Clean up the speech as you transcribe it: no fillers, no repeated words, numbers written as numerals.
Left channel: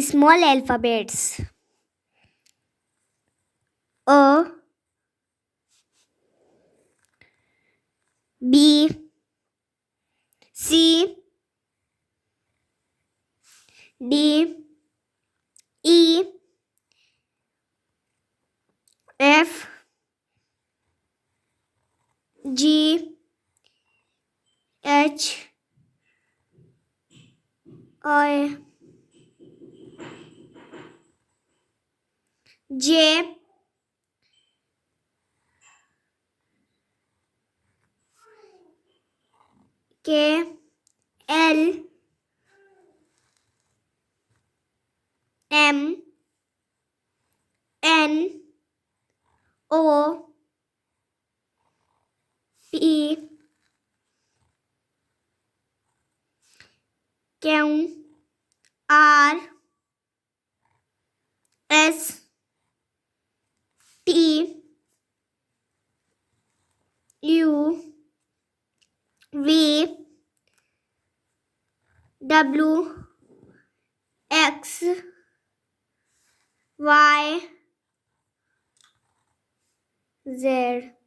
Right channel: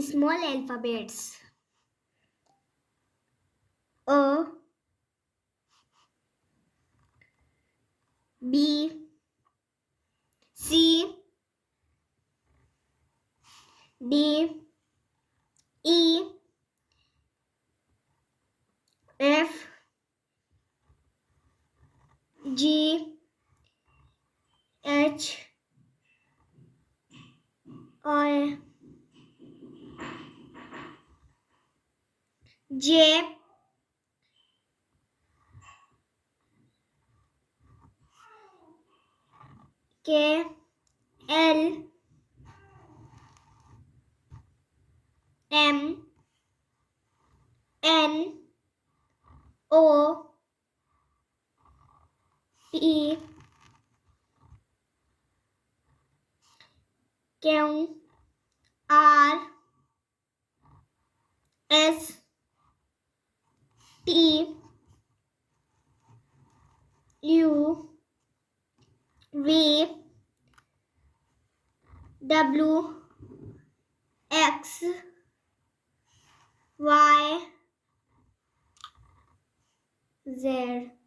Small alphabets: A, B, C, D, E, F, G, H, I, J, K, L, M, N, O, P, Q, R, S, T, U, V, W, X, Y, Z.